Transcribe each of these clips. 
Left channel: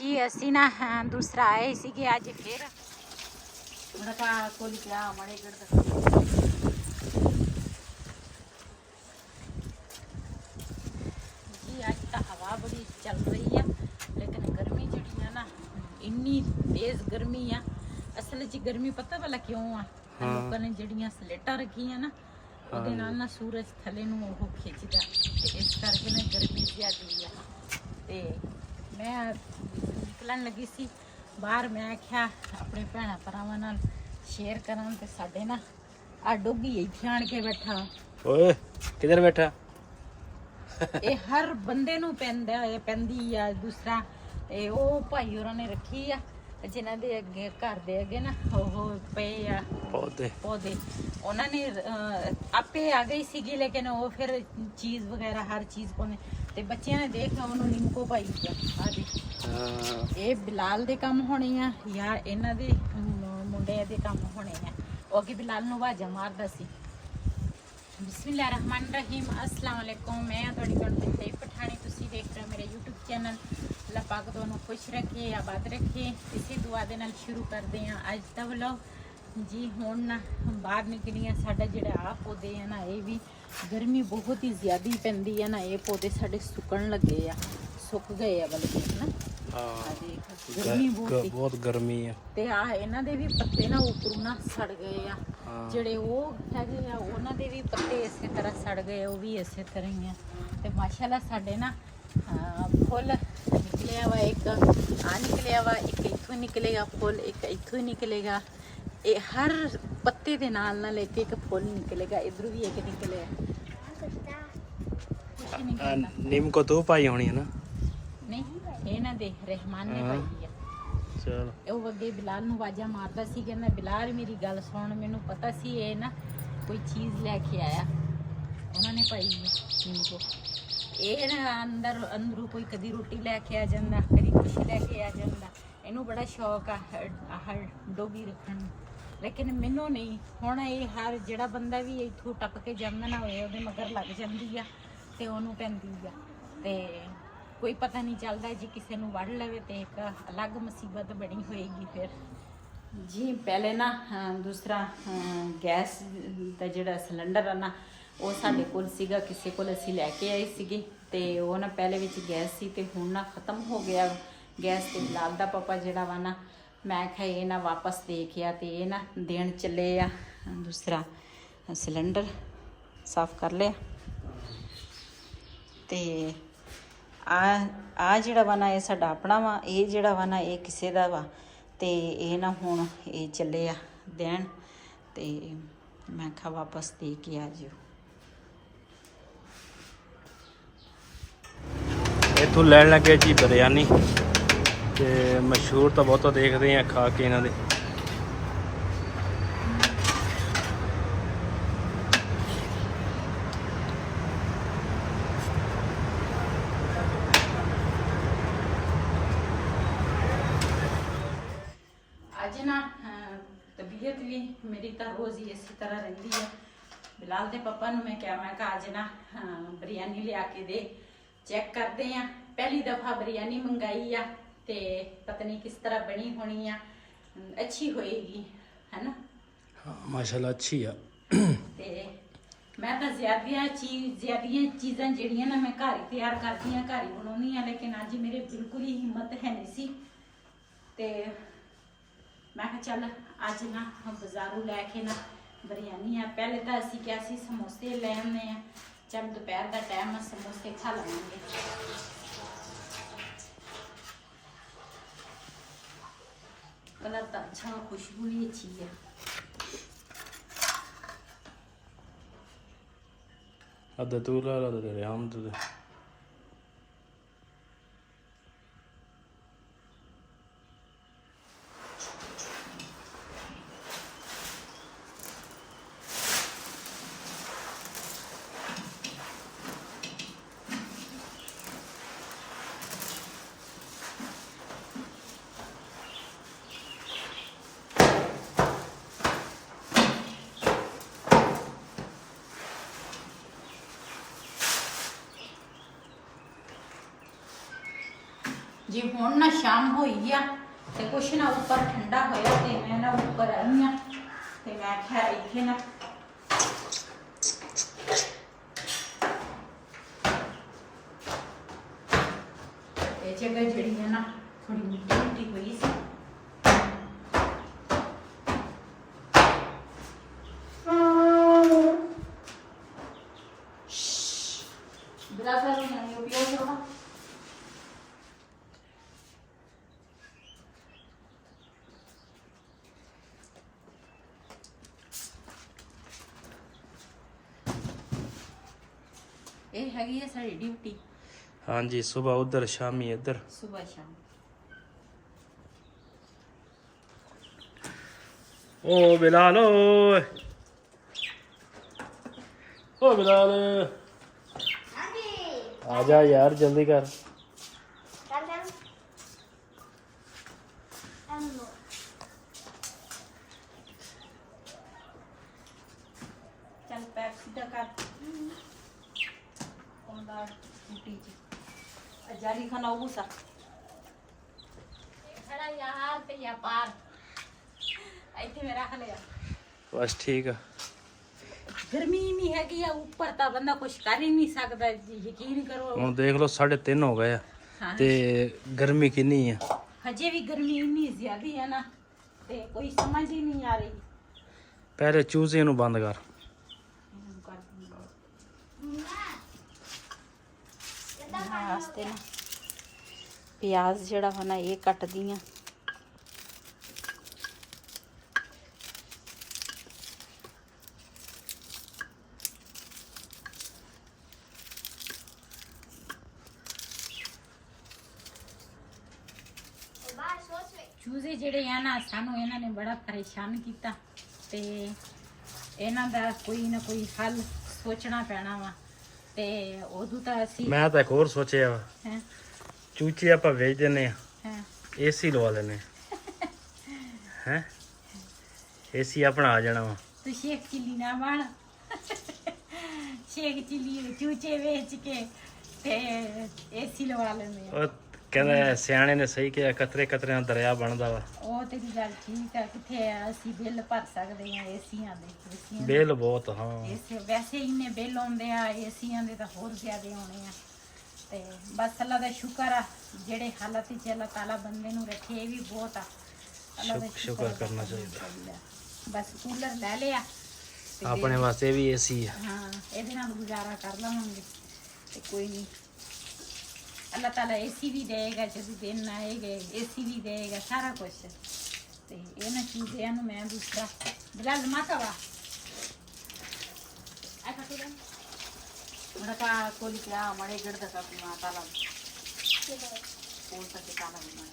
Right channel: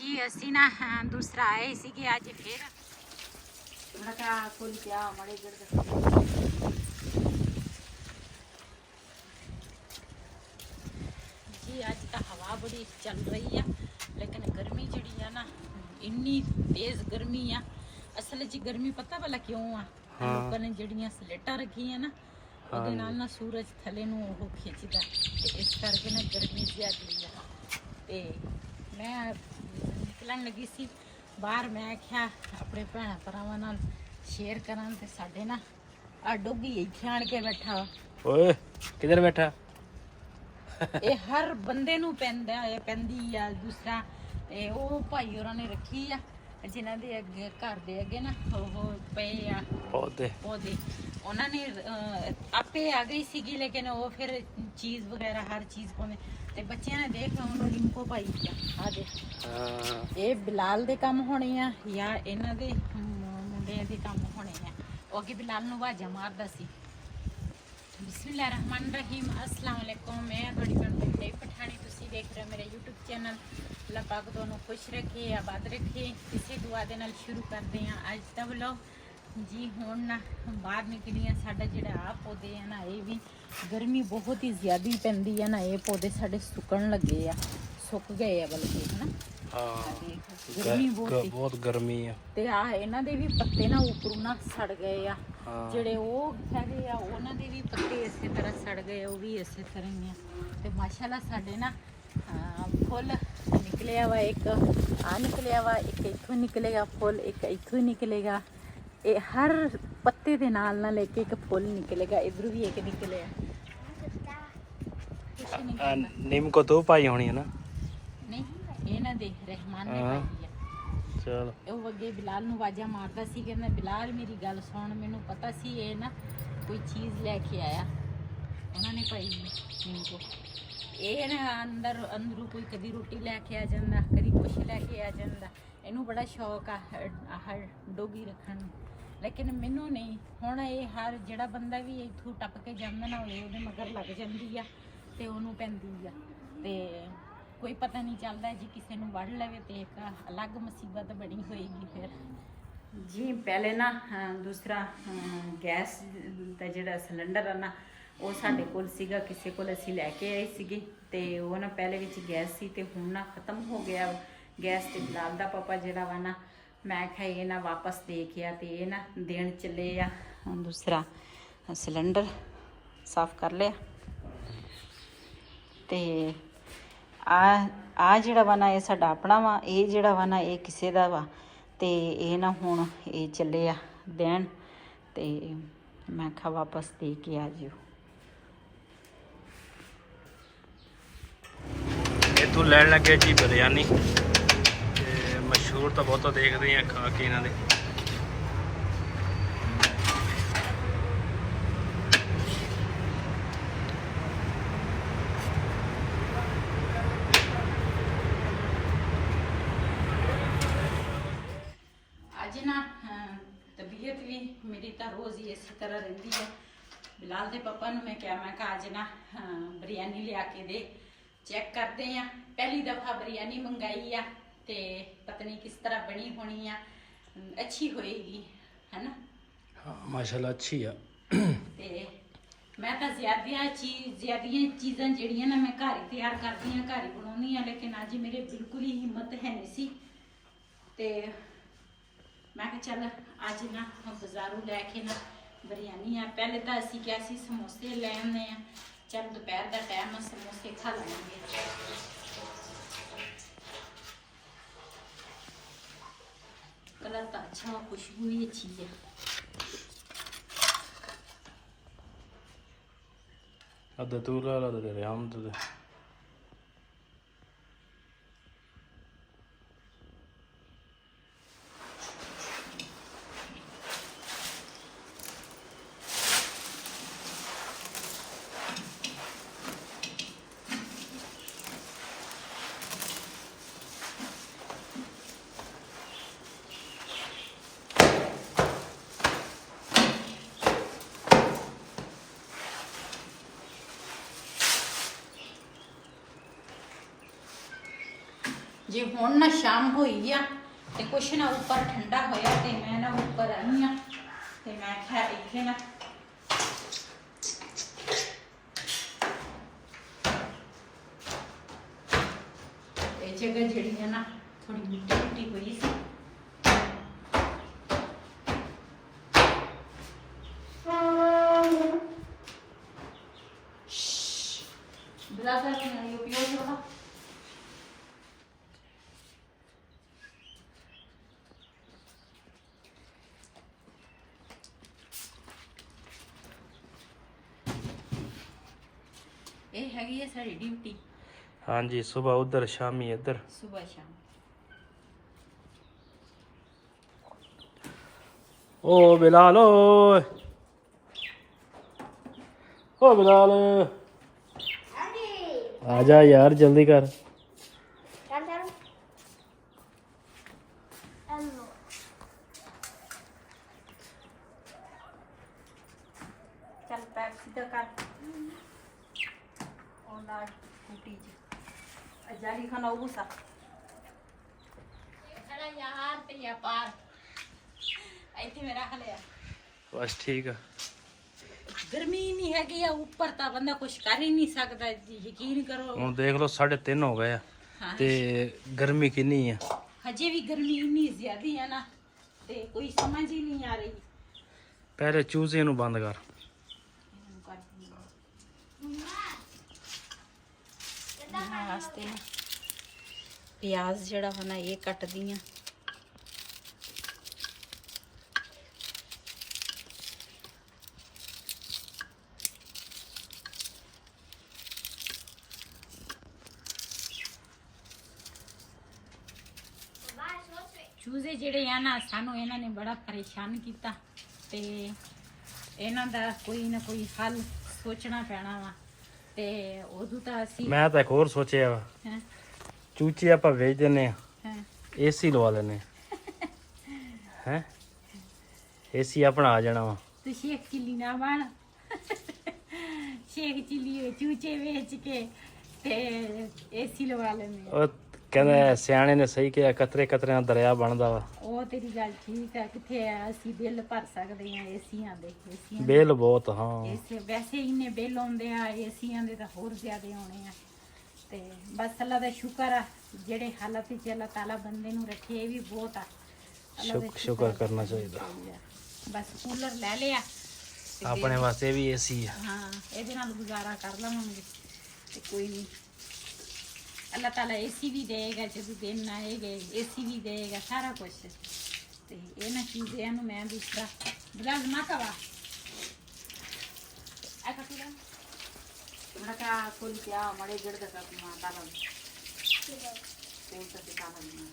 जी असी ना दूसरा आए सीगे आज फिर जी अज तो हवा बड़ी चल रही है लेकिन गर्मी जी है ना इन्नी तेज गर्मी आ। असल च गर्मी पता भला क्यों आ लोगों ने जड़ियां स्लेटा रखी है ना ਉਹਦੇ ਨਾਲ ਨਾ ਸੂਰਜ ਥੱਲੇ ਨੂੰ ਉਹ ਖਿੱਚਦਾ ਤੇ ਇਸ ਕਰਕੇ ਨਾ ਗਰਮੀ ਜ਼ਿਆਦੀ ਆ। ਤੇ ਮੈਂ ਨਿਕਲਣ ਲੱਗੀ ਸੀ ਬਾਹਰ, ਮੈਂ ਆਖਿਆ ਆਪਣੇ ਭੈਣਾਂ ਭਰਾਵਾਂ ਨਾਲ ਸ਼ੇਅਰ ਕਰਾਂ ਤੇ ਸਾਡੇ ਨਾ ਆ ਡੋਗੀ ਇੱਥੇ ਆਣ ਕੇ ਬੈਠਾ ਵਾ। ਓਏ ਕਿੱਧਰ ਬੈਠਾ? ਇਹ ਹਰ ਬੰਦੇ ਨੂੰ ਪੈਂਦੀ ਆ। ਦੂਸਰਾ ਇਹ ਉਹ ਭਾਈ ਹੋਰਾਂ ਨੇ ਰੱਖੀ ਆ ਜਿਨ੍ਹਾਂ ਦੇ ਅੱਗੇ ਘਰ ਦੇ ਅੱਗੇ ਨਾ ਉਹ ਪਏ ਆ ਪੌਦੇ ਉਹਨਾਂ ਨੇ ਆਪੇ ਆ ਗਈ ਸੀਗੀ ਲੇਕਿਨ ਉਹ ਫਿਰ ਚੀਜ਼ ਵਗੈਰਾ ਹਰ ਚੀਜ਼ ਪਾਉਂਦੇ ਤੇ ਬੱਚਿਆਂ ਨੇ ਦੇਖ ਉਹਨੂੰ ਨਿੰਮਕੋ ਪਾਈ ਆ ਦੇ। ਇਹ ਬਿਲਾਲ ਦੇ ਕੰਮ ਹੋਣੇ ਆ ਜਾਂ ਇਹਨਾਂ ਦੇ ਮੁੰਡਿਆਂ ਦੇ ਕੰਮ ਹੋਣੇ ਆ। ਉਹ ਅੱਗੇ ਬਿਲਾਲ ਨੂੰ ਆਵਾਜ਼ਾਂ ਮਾਰਦਾ ਸੀ। ਬਿਸਮਿਲ੍ਲਾਹਿਰਰਹਿਮਾਨਿਰਰਹੀਮ, अस्सलाम वालेकुम। मैं थोड़ी भैन पंजाबी पठानी, तुसी देख रहे हो मेरे यूट्यूब चैनल। अल्लाह पाक दोनों खुश रखे, आबाद रखे। इसी दुआ दे नाल शुरू करते हैं अज दा व्लॉग जी। हुण ना बाहर निकली आ, साडा जिहड़ा आ पौधे है ना ये भी गर्मी बहुत ही ज़्यादा पैंदी है ना, ये पौधे साडे सुकण लगे आ, सुक गए आ बल्कि है ना। गर्मी बहुत गर्मी है ते आ इन्हां दे भी पत्ते ना उपरों ना सड़ गए आ। ਜਿਹੜੇ ਉਹ ਹੈਗੇ ਆ ਉਹਨਾਂ ਦੇ ਵੀ ਪੱਤੇ ਇਸੇ ਤਰ੍ਹਾਂ ਸੜ ਗਏ, ਉਹ ਵੀ ਇਸੇ ਤਰ੍ਹਾਂ ਹੀ ਆ। ਤੇ ਮਾਸ਼ਾਅੱਲਾ ਸਾਡੇ ਨਾ ਫੁੱਲ ਨਿਕਲਿਆ ਵਾ, ਇੱਕ ਆ ਨਿਕਲਿਆ ਵਾ, ਇੱਕ ਇੱਥੋਂ ਨਿਕਲੇਗਾ ਫੁੱਲ, ਇੱਕ ਇੱਥੋਂ ਹੀ ਨਿਕਲੇਗਾ। ਇਹ ਹਰ ਪੱਤੇ ਦੇ ਨਾਲ ਇੱਕ ਇੱਕ ਫੁੱਲ ਨਿਕਲੇਗਾ। ਇਧਰ ਵੀ ਇੱਕ ਨਿਕਲਿਆ। नीम को तो पाई होनी है ना? ਨਹੀਂ ਇਹਨਾਂ ਦੇ ਰਹਿਮਾਨ ਨੇ ਪਾਈ ਆ। ਚਲੋ ਉਹ ਅੱਗੇ ਬਿਲਾਲ ਨੂੰ ਆਵਾਜ਼ਾਂ ਮਾਰਦਾ ਸੀ, ਕਹਿੰਦਾ ਬਿਲਾਲ ਮੇਰੀ ਗੱਲ ਸੁਣ, ਮੈਨੂੰ ਪਤਾ ਸੀ ਇਹ ਨਾ ਕੋਈ ਚੀਜ਼ ਲੈ ਕੇ ਆਇਆ। ਉਹਨਾਂ ਨੇ ਪਾਈ ਨਿੰਮਕੋ। ਇਹ ਨਾ ਅੰਦਰੋਂ ਕੋਈ ਕਦੀ ਰੋਟੀ ਲੈ ਕੇ ਆ ਜਾਂਦਾ, ਕਦੀ ਕੁਛ ਲੈ ਕੇ ਆ ਜਾਂਦਾ। ਇਹਨੂੰ ਬੜਾ ਸ਼ੌਕ ਆ ਆਹ ਡੋਗੀ ਰੱਖਣ ਨੂੰ, ਲੇਕਿਨ ਮੈਨੂੰ ਨਹੀਂ। ਹੁਣ ਇਹ ਹਰ ਜਿਹੜਾ ਬੰਦਾ ਵੀ ਇੱਥੋਂ ਟੱਪ ਕੇ ਜਾਂਦਾ ਨਾ ਹੋਏ ਉਹਦੇ ਮਗਰ ਲੱਗ ਜਾਂਦੀ ਆ ਤੇ ਉਹਨੂੰ ਪੈਂਦੀ ਆ। ਤੇ ਕੋਈ ਪਤਾ ਨਹੀਂ ਚੱਲਦਾ ਜੀ, ਕਿਸੇ ਨੂੰ ਵੜ ਲਵੇ ਤੇ ਇੱਕ ਅਲੱਗ ਮੁਸੀਬਤ ਬਣੀ ਹੋਏਗੀ ਫਿਰ ਜੀ। ਪਹਿਲੇ ਨਾ ਦੂਸਰਾ ਗੈਸ ਦਾ ਜਿਹੜਾ ਸਿਲੰਡਰ ਆ ਨਾ ਉਹ ਸਾਡੇ ਕੋਲ ਸੀਗਾ, ਕਿਸੇ ਕੋਲ ਅਸੀਂ ਲੈ ਕੇ ਆਏ ਸੀਗੇ ਤੇ ਉਹ ਨਾ ਪਹਿਲੇ ਵਿੱਚ ਗੈਸ ਸੀ ਤੇ ਹੁਣ ਨਾ ਖਤਮ ਹੋ ਗਿਆ ਗੈਸ। ਤੇ ਬਿਲਾਲ ਦਾ ਪਾਪਾ ਜਿਹੜਾ ਵਾ ਨਾ, ਮੈਂ ਕਿਹਾ ਇਹ ਨਾ ਵਾਪਸ ਦੇ ਕੇ ਆ ਤੇ ਇਹ ਨਾ ਦੇਣ ਚੱਲੇ ਆ ਦੂਸਰਾ ਸਿਲੰਡਰ। ਸਾਫ਼ ਕਰ ਲਿਆ ਤੇ ਆ ਜਿਹੜਾ ਵਾ ਨਾ ਇਹ ਸਾਡਾ ਆਪਣਾ ਵਾ, ਇਹ ਜਿਹੜਾ ਵਾ ਨਾ ਇਹ ਕਿਸੇ ਦਾ ਵਾ। ਤੇ ਇਹ ਨਾ ਹੁਣ ਇਹ ਚੱਲੇ ਆ ਦੇਣ ਤੇ ਮੈਂ ਕਿਹਾ ਵਾਪਸ ਦੇ ਕੇ ਆ ਜਿਓ। ਇੱਥੋਂ ਲੈਣ ਲੱਗੇ ਜੀ ਬਿਰਿਆਨੀ ਤੇ ਮਸ਼ਹੂਰ ਤਾਂ ਬਹੁਤਾ ਦੇਖਦੇ ਆ ਖਾ ਕੇ ਇਹਨਾਂ ਦੇ। ਅੱਜ ਨਾ ਤਬੀਅਤ ਵੀ ਮੇਰੀ ਤਾਂ ਰੋਜ਼ ਹੀ ਇਸੇ ਤਰ੍ਹਾਂ ਰਹਿੰਦੀ ਹੈ। ਬਿਲਾਲ ਦੇ ਪਾਪਾ ਨੂੰ ਮੈਂ ਕਿਹਾ ਅੱਜ ਨਾ ਬਿਰਿਆਨੀ ਲਿਆ ਕੇ ਦੇ, ਚੈੱਕ ਕਰਦੇ ਆ। ਪਹਿਲੀ ਦਫਾ ਬਿਰਿਆਨੀ ਮੰਗਾਈ ਆ ਤੇ ਪਤਾ ਨਹੀਂ ਕਿਸ ਤਰ੍ਹਾਂ ਬਣੀ ਹੋਣੀ ਆ, ਅੱਛੀ ਹੋਏਗੀ ਹੈ ਨਾ। ਹਾਂ ਮਾਸ਼ਾਅੱਲਾ ਅੱਛੀ ਆ। ਤੇ ਮੈਂ ਤਾਂ ਜ਼ਿਆਦੀਆਂ ਚੀਜ਼ਾਂ ਜਿਹੜੀਆਂ ਨਾ ਮੈਂ ਘਰ ਹੀ ਤਿਆਰ ਕਰਦੀ ਆ, ਘਰ ਹੀ ਬਣਾਉਂਦੀ ਆ, ਲੇਕਿਨ ਅੱਜ ਮੇਰੇ ਬਿਲਕੁਲ ਹੀ ਹਿੰਮਤ ਹੈ ਨਹੀਂ ਸੀ। ਤੇ ਮੈਂ ਕਿਹਾ ਚੱਲ ਅੱਜ ਨਾ ਬਾਜ਼ਾਰੋਂ ਲੈ ਕੇ ਨਾ ਬਿਰਿਆਨੀ ਆ। ਪਹਿਲੇ ਤਾਂ ਅਸੀਂ ਕਿਹਾ ਸੀ ਸਮੋਸੇ ਲੈ ਆਉਂਦੇ ਆ, ਚੱਲ ਦੁਪਹਿਰ ਦਾ ਟਾਈਮ ਆ ਸਮੋਸੇ ਖਾ ਲਾਂਗੇ। कलर तो अच्छा, खुशबू भी अच्छी है। अद्धा तू ला ला तेरे हम तो ਜੇ ਹੁਣ ਨਾ ਸ਼ਾਮ ਹੋਈ ਆ ਤੇ ਕੁਛ ਨਾ ਉੱਪਰ ਠੰਡਾ ਹੋਇਆ ਤੇ ਮੈਂ ਨਾ ਉੱਪਰ ਆਈ ਆ ਤੇ ਮੈਂ ਕਿਹਾ ਇੱਥੇ ਨਾ ਇਹ ਜਗ੍ਹਾ ਜਿਹੜੀ ਹੈ ਨਾ ਥੋੜੀ ਮਿੱਟੀ ਮਿੱਟੀ ਹੋਈ ਸੀ। ਬਰਾਬਰ ਨਹੀਂ ਉਪਯੋਗ ਹੋਣਾ। ਇਹ ਹੈਗੀ ਹੈ ਸਾਡੀ ਡਿਊਟੀ। ਹਾਂਜੀ ਸਵੇਰ ਉਧਰ ਸ਼ਾਮੀ ਇੱਧਰ। ਸਵੇਰ ਸ਼ਾਮ। ਓ ਬਿਲਾਲ ਓਏ ਓ ਬਿਲਾਲ ਆ ਜਾ ਯਾਰ ਜਲਦੀ ਕਰ। ਚੱਲ ਪੈਰ ਸਿੱਧਾ ਕਰ। ਉਹਨਾਂ ਟੂਟੀ ਜੀ ਅਜਾਰੀ ਖਾਨਾ ਉਹ ਸਾ ਖੜਾ ਯਾਰ ਤੇ ਯਾ ਪਾਰ ਇੱਥੇ ਮੈਂ ਰੱਖ ਲਿਆ। ਬਸ ਠੀਕ ਆ। ਗਰਮੀ ਨਹੀਂ ਹੈਗੀ ਆ ਉੱਪਰ ਤਾਂ ਬੰਦਾ ਕੁਝ ਕਰ ਹੀ ਨਹੀਂ ਸਕਦਾ। ਯਕੀਨ ਕਰੋ ਹੁਣ ਦੇਖ ਲਓ 3:30 ਹੋ ਗਏ ਆ ਤੇ ਗਰਮੀ ਕਿੰਨੀ ਆ। ਹਜੇ ਵੀ ਗਰਮੀ ਇੰਨੀ ਜ਼ਿਆਦੀ ਹੈ ਨਾ ਤੇ ਕੋਈ ਸਮਝ ਹੀ ਨਹੀਂ ਆ ਰਹੀ। ਪਹਿਲੇ ਚੂਜ਼ੇ ਨੂੰ ਬੰਦ ਕਰ। ਵਾਸਤੇ ਨਾ ਪਿਆਜ਼ ਜਿਹੜਾ ਵਾ ਨਾ ਇਹ ਕੱਟਦੀ ਆ। ਚੂਜ਼ੇ ਜਿਹੜੇ ਆ ਨਾ ਸਾਨੂੰ ਇਹਨਾਂ ਨੇ ਬੜਾ ਪਰੇਸ਼ਾਨ ਕੀਤਾ ਤੇ ਇਹਨਾਂ ਦਾ ਕੋਈ ਨਾ ਕੋਈ ਹੱਲ ਸੋਚਣਾ ਪੈਣਾ ਵਾ। ਤੇ ਉਦੋਂ ਤਾਂ ਅਸੀਂ ਮੈਂ ਤਾਂ ਇੱਕ ਹੋਰ ਸੋਚਿਆ ਵਾ ਹੈਂ ਚੂਚੇ ਆਪਾਂ ਵੇਚ ਦਿੰਨੇ ਆ ਹੈਂ ਏਸੀ ਲਵਾ ਲੈਨੇ ਹੈ ਏਸੀ ਆਪਣਾ ਆ ਜਾਣਾ ਵਾ। ਤੂੰ ਸ਼ੇਖ ਚਿੱਲੀ ਨਾ ਬਣ। ਸ਼ੇਖ ਚਿੱਲੀ ਚੂਚੇ ਵੇਚ ਕੇ ਤੇ ਏਸੀ ਲਵਾ ਲੈਂਦੇ ਆ। ਉਹ ਕਹਿੰਦਾ ਸਿਆਣੇ ਨੇ ਸਹੀ ਕਿਹਾ ਕਤਰੇ ਕਤਰੇ ਨਾਲ ਦਰਿਆ ਬਣਦਾ ਵਾ। ਉਹ ਤੇਰੀ ਗੱਲ ਠੀਕ ਆ। ਕਿੱਥੇ ਆ ਅਸੀਂ ਬਿੱਲ ਭਰ ਸਕਦੇ ਆ ਏਸੀਆਂ ਦੇ। ਏਸੀਆਂ ਬਿੱਲ ਬਹੁਤ ਹਾਂ। ਇਸੇ ਵੈਸੇ ਇੰਨੇ ਬਿੱਲ ਆਉਂਦੇ ਆ ਏਸੀਆਂ ਦੇ ਤਾਂ ਹੋਰ ਜ਼ਿਆਦੇ ਆਉਣੇ ਆ। ਤੇ ਬਸ ਅੱਲਾ ਦਾ ਸ਼ੁਕਰ ਆ ਜਿਹੜੇ ਹਾਲਾਤ ਵਿੱਚ ਅੱਲਾ ਤਾਲਾ ਬੰਦੇ ਨੂੰ ਰੱਖੇ ਇਹ ਵੀ ਬਹੁਤ ਆ। ਅੱਲਾ ਦਾ ਸ਼ੁਕਰ ਕਰਨਾ ਚਾਹੀਦਾ। ਬਸ ਕੂਲਰ ਲੈ ਲਿਆ ਤੇ ਆਪਣੇ ਵਾਸਤੇ ਵੀ ਏਸੀ ਆ। ਹਾਂ ਇਹਦੇ ਨਾਲ ਗੁਜ਼ਾਰਾ ਕਰ ਲਵਾਂਗੇ ਤੇ ਕੋਈ ਨਹੀਂ। ਅੱਲਾਹ ਤਾਲਾ ਏਸੀ ਵੀ ਦੇਗਾ ਜਦੋਂ ਦਿਨ ਆਏਗੇ ਏਸੀ ਵੀ ਦੇਗਾ ਸਾਰਾ ਕੁਝ। ਤੇ ਇਹਨਾਂ ਚੀਜ਼ਾਂ ਨੂੰ ਮੈਂ ਦੂਸਰਾ ਬਿਲਾਲ ਮਾਤਾ ਵਾ ਆ ਕਾ ਤੁਰਨ ਮੜਕਾ ਕੋਲ ਕਿਆ ਮੜੇ ਗੜ ਦਾ ਕਾਪੀ ਮਾਤਾ ਲਾ ਕੋਲ ਤੱਕ ਤਾਲਾ ਨਾ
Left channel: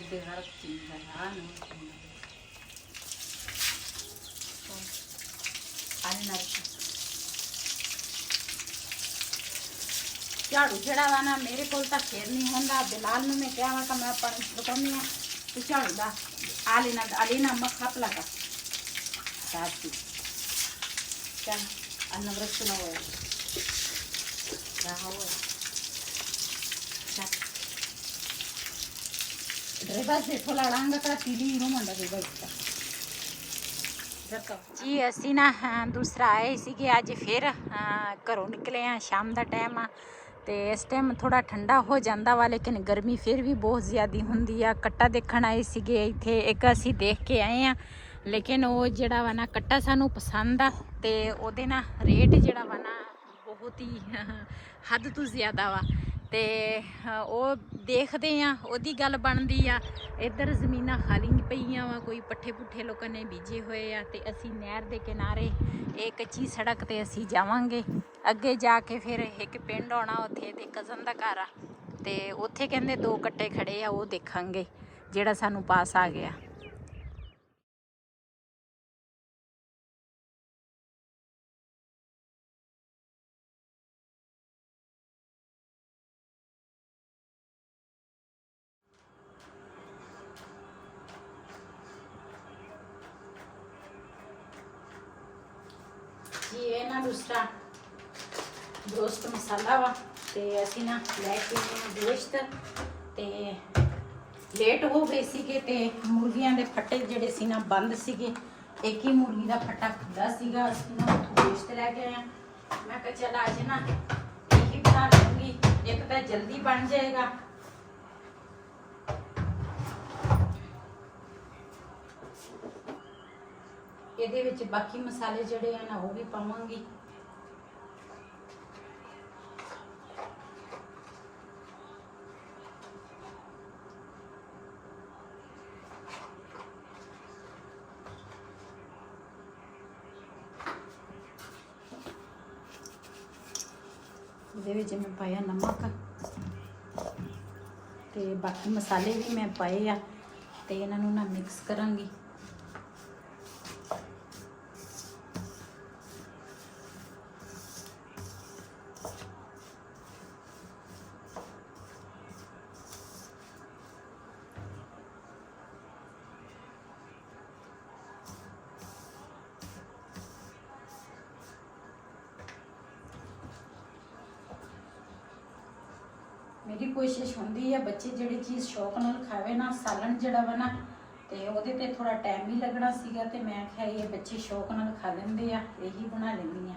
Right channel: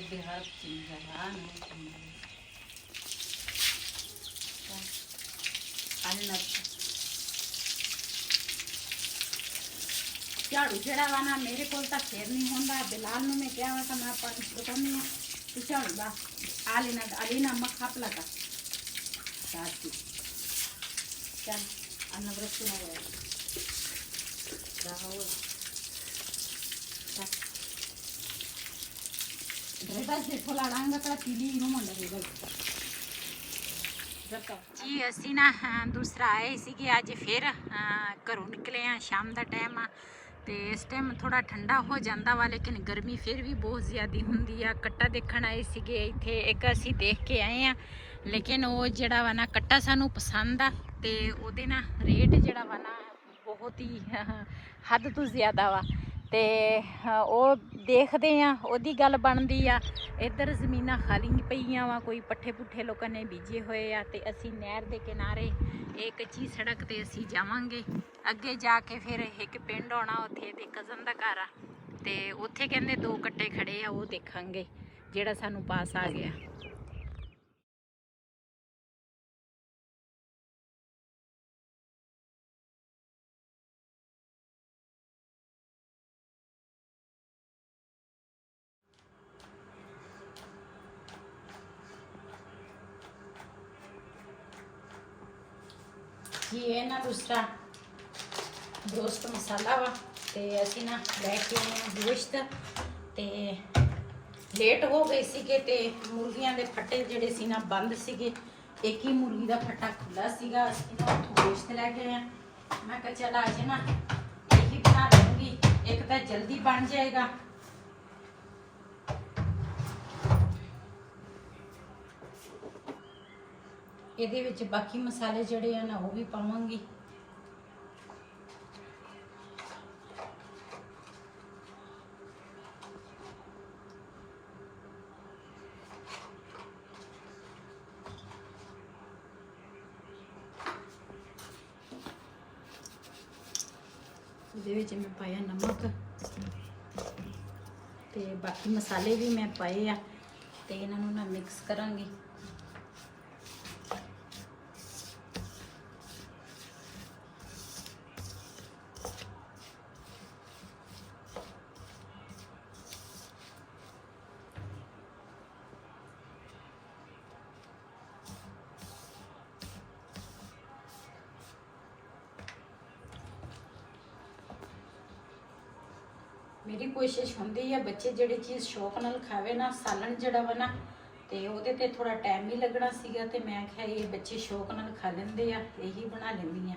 de ਝਾੜੂ ਜਿਹੜਾ ਵਾ ਨਾ ਮੇਰੇ ਕੋਲ ਤਾਂ ਫੇਰ ਨਹੀਂ ਹੁੰਦਾ। ਬਿਲਾਲ ਨੂੰ ਮੈਂ ਕਿਹਾ ਵਾ ਕਿ ਮੈਂ ਪਾਣੀ ਲਗਾਉਂਦੀ ਆ ਤੇ ਝਾੜੂ ਦਾ ਆਲੇਨਾ ਮੱਖਾ ਪਲਾਕਾ ਸਾਥੀ ਚੱਲ ਅਨਵਰਤ ਨਾ ਹੋਇਆ ਰਾਹੋ ड्रेबस से थोड़ा डांगा का पीली रो मंडा ड्रेबस का जी ਅਸੀਂ ਨਾ ਦੂਸਰਾ ਆਏ ਸੀਗੇ ਅੱਜ ਫਿਰ ਘਰੋਂ ਨਿਕਲੇ ਆ। ਸ਼ਾਮ ਦਾ ਟਾਈਮ ਆ ਤੇ ਇਸ ਟਾਈਮ ਥੋੜਾ ਠੰਡਾ ਹੋ ਜਾਂਦਾ ਵਾ ਲੇਕਿਨ ਗਰਮੀ ਫਿਰ ਵੀ ਬਹੁਤ ਜ਼ਿਆਦੀ ਹੁੰਦੀ ਆ। ਕੱਟਾ ਦੇਖਣ ਆਏ ਸੀਗੇ ਇੱਥੇ ਇੱਕ ਅਸੀਂ ਦੇਖ ਕੇ ਆਏ ਆ ਲੇਕਿਨ ਉਹ ਜਿਹੜਾ ਵਾ ਨਾ ਕੱਟਾ ਸਾਨੂੰ ਪਸੰਦ ਆ ਤੇ ਉਹਦੇ ਨਾ ਰੇਟ ਜਿਹੜਾ ਵਾ ਨਾ ਬਹੁਤ ਹੀ ਹੱਦ ਤੋਂ ਜ਼ਿਆਦਾ ਵਾ ਤੇ ਉਹ ਦੇਖਦੇ ਆ, ਉਹਦੀ ਗੱਲ ਬਣਦੀ ਆ। ਇੱਧਰ ਜ਼ਮੀਨਾਂ ਖਾਲੀ ਨਹੀਂ ਪਈਆਂ ਵਾ, ਕੋਈ ਪੱਠੇ ਪੁੱਠੇ ਲੋਕਾਂ ਨੇ ਬੀਜੇ ਹੋਏ ਆ। ਤੇ ਅਸੀਂ ਨਹਿਰ ਦੇ ਕਿਨਾਰੇ ਇਹ ਕੱਚੀ ਸੜਕ ਤੇ ਅਸੀਂ ਜਾਵਾਂਗੇ। ਅੱਗੇ ਜਾ ਕੇ ਫਿਰ ਇੱਕ ਪਿੰਡ ਆਉਣਾ, ਉੱਥੇ ਇਹਦੇ ਕਜ਼ਨ ਦਾ ਘਰ ਆ, ਤੇ ਉੱਥੇ ਕਹਿੰਦੇ 2 ਕੱਟੇ ਖੜੇ ਆ, ਉਹ ਦੇਖਾਂਗੇ ਜਿਹੜਾ ਸਾਨੂੰ ਪਾਸ ਆ ਗਿਆ। ਜੀ ਇਹ ਨਾ ਦੂਸਰਾ ਗੋਸ਼ਤ ਮਸਾਲਾ ਵਾ, ਤੇ ਅਸੀਂ ਨਾ ਲੈ ਕੇ ਆਏ ਗੋਸ਼ਤ। ਤੇ ਲੇਟ ਹੋ ਗਏ ਸੀਗੇ ਤੇ ਮੁਰਗੀਆਂ ਦੇ ਫੱਟੇ ਜਿਹੜੇ ਸੀ ਨਾ ਬੰਦ ਸੀਗੇ। ਇੱਕ ਹੀ ਮੁਰਗੀ ਦਾ ਫੱਟਾ ਖੁੱਲਾ ਸੀਗਾ। ਅਸੀਂ ਨਾ ਗੋਸ਼ਤ ਲੈ ਕੇ ਆਏ। ਮੈਂ ਕਿਹਾ ਚੱਲ ਅੱਜ ਨਾ ਇਹੀ ਬਣਾ ਲੂੰਗੀ, ਇੱਕ ਤਾਂ ਜਲਦੀ ਬਣ ਜਾਏਗਾ। ਇਹਦੇ ਵਿੱਚ ਬਾਕੀ ਮਸਾਲੇ ਜਿਹੜੇ ਆ ਨਾ ਉਹ ਵੀ ਪਾਵਾਂਗੀ। ਇਹਦੇ ਵਿੱਚ ਮੈਂ ਪਾਇਆ ਨਮਕ ਤੇ ਬਾਕੀ ਮਸਾਲੇ ਵੀ ਮੈਂ ਪਾਏ ਆ, ਤੇ ਇਹਨਾਂ ਨੂੰ ਨਾ ਮਿਕਸ ਕਰਾਂਗੀ। मेरी कोशिश होंदी है बच्चे जिहड़ी चीज़ शौक नाल खावे ना, सालन जिहड़ा वा ना ते ओहदे ते थोड़ा टाइम भी लगना सीगा, ते मैं आख्या ये बच्चे शौक नाल खा लेंदे आ, यही बना लेंदी आ।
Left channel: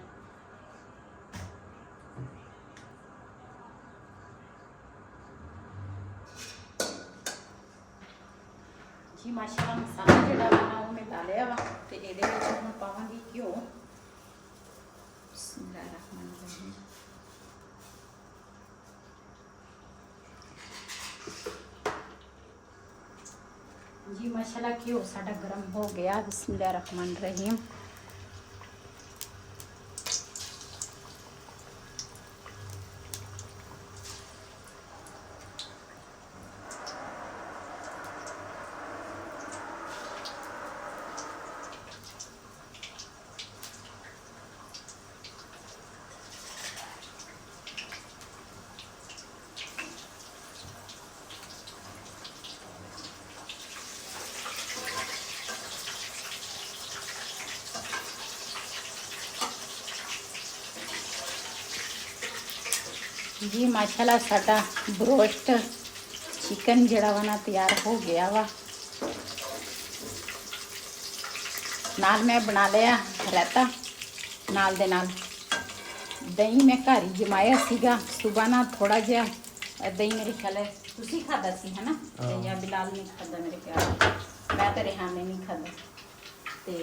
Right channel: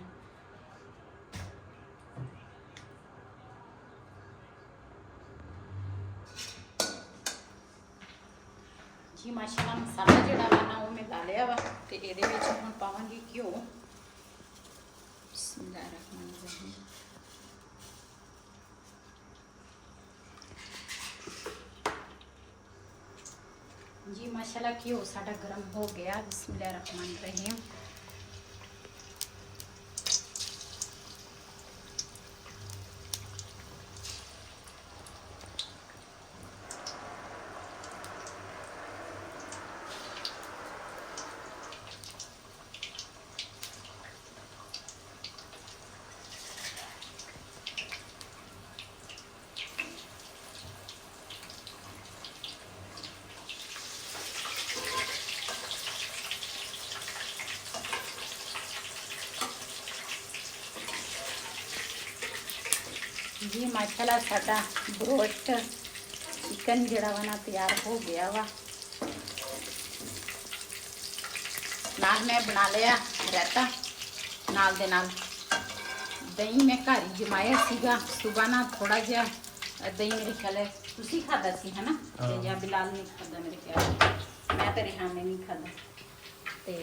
जी माशाल्लाह मसाला जिहड़ा वा ना वो मैं ला लिया वा, ते इहदे विच हुण पावांगी घिओ। बिस्मिल्लाहिर्रहमानिर्रहीम। जी माशाल्लाह घिओ साडा गर्म हो गया। बिस्मिल्लाहिर्रहमानिर्रहीम। जी माशाल्लाह साडा ब्रोस्ट चिकन जिहड़ा वा ना तैयार हो गया वा। नाल मैं बना लिया रायता, नाल दे नाल दही मैं घर ही जमाया सीगा। सुबह ना थोड़ा जिहा दही मेरे ख्याल है तुसी खादा सी है ना, या बिलाल नहीं खादा मेरे ख्याल, मैं तो रेहान ने नहीं खादा। ते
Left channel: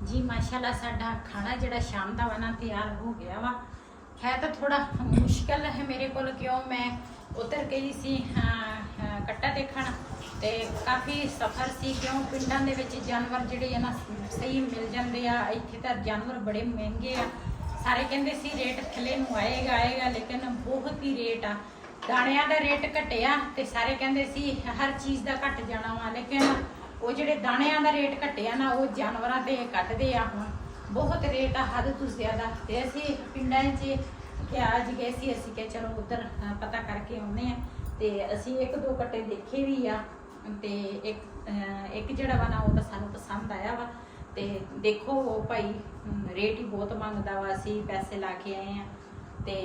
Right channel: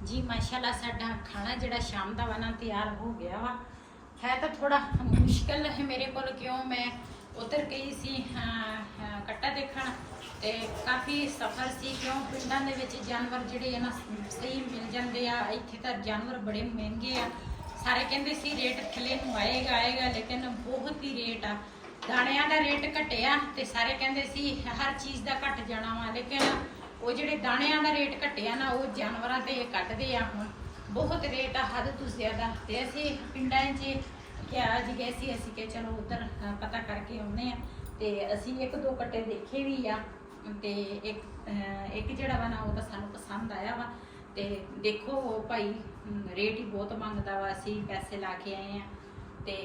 जी माशाल्लाह साडा खाना जिहड़ा शाम दा वा ना तैयार हो गया वा। है तो थोड़ा मुश्किल है मेरे को, क्यों मैं उतर गई सी कट्टा देखण, ते काफ़ी सफ़र सी, क्यों पिंडां दे विच जानवर जिहड़े है ना सही मिल जांदे आ। इत्थे तां जानवर बड़े महंगे आ। सारे कहंदे सी रेट थल्ले नूं आएगा, लेकिन बहुत ही रेट आ। दाणियां दा रेट घटिया ते सारे कहंदे सी हर चीज़ दा घट जाना वा, लेकिन वो जिहड़े दाणियां दा रेट घटिया ना वो जानवरां ते कटदे आ। हुण बहुत रेट आ, हद तो ज़्यादा। ते असीं पिंडां 'च क्या अज गए सी, असीं कि चलो उधर पता करके आउंदे आ। ते असीं 1-2 कट्टे देखे भी आ, ते एक जिहड़ा वा ना वो तां सानूं पसंद आया वा। ते देखो वो भाई रेट ही बहुत मंगदा वा, असीं पैसे ला के आए आ, ते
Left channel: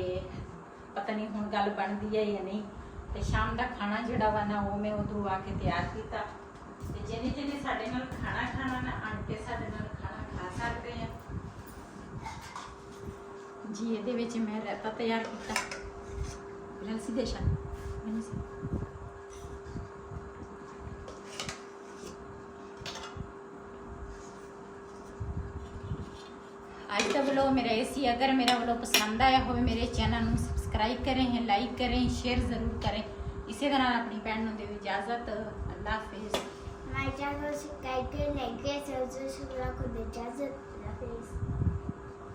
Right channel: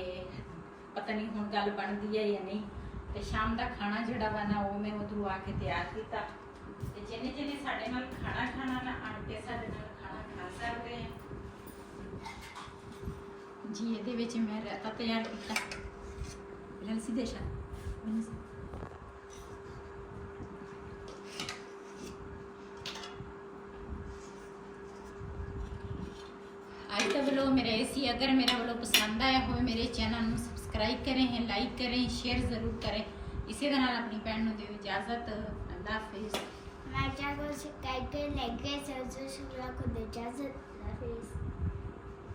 पता नहीं हुण गल बनदी है या नहीं। ते शाम दा खाना जिहड़ा वा ना वो मैं उधरों आके तैयार कीता। जिन्हें जिन्हें साडे नाल खाना खाना ना आंटे साडे नाल खाना खा सकते हैं जी। ये मैं रायता तैयार किया। ਅੱਜ ਦਾ ਵਲੋਗ ਮੇਰਾ ਇਹ ਸੀ। ਅਗਰ ਮੇਰਾ ਵਲੋਗ ਪਸੰਦ ਆਇਆ ਹੋਵੇ ਮੇਰੇ ਚੈਨਲ ਨੂੰ ਸਬਸਕ੍ਰਾਈਬ ਕरें, ਲਾਈਕ ਕरें, ਸ਼ੇਅਰ ਜ਼ਰੂਰ ਕरें। ਇਸੇ ਦੇ ਨਾਲ ਆਪਣੀ ਭੈਣ ਨੂੰ ਦਿਓ ਇਜਾਜ਼ਤ। ਅੱਲਾਹ ਹਾਫਿਜ਼। My channel is subscribe to like it, subscribe to the channel.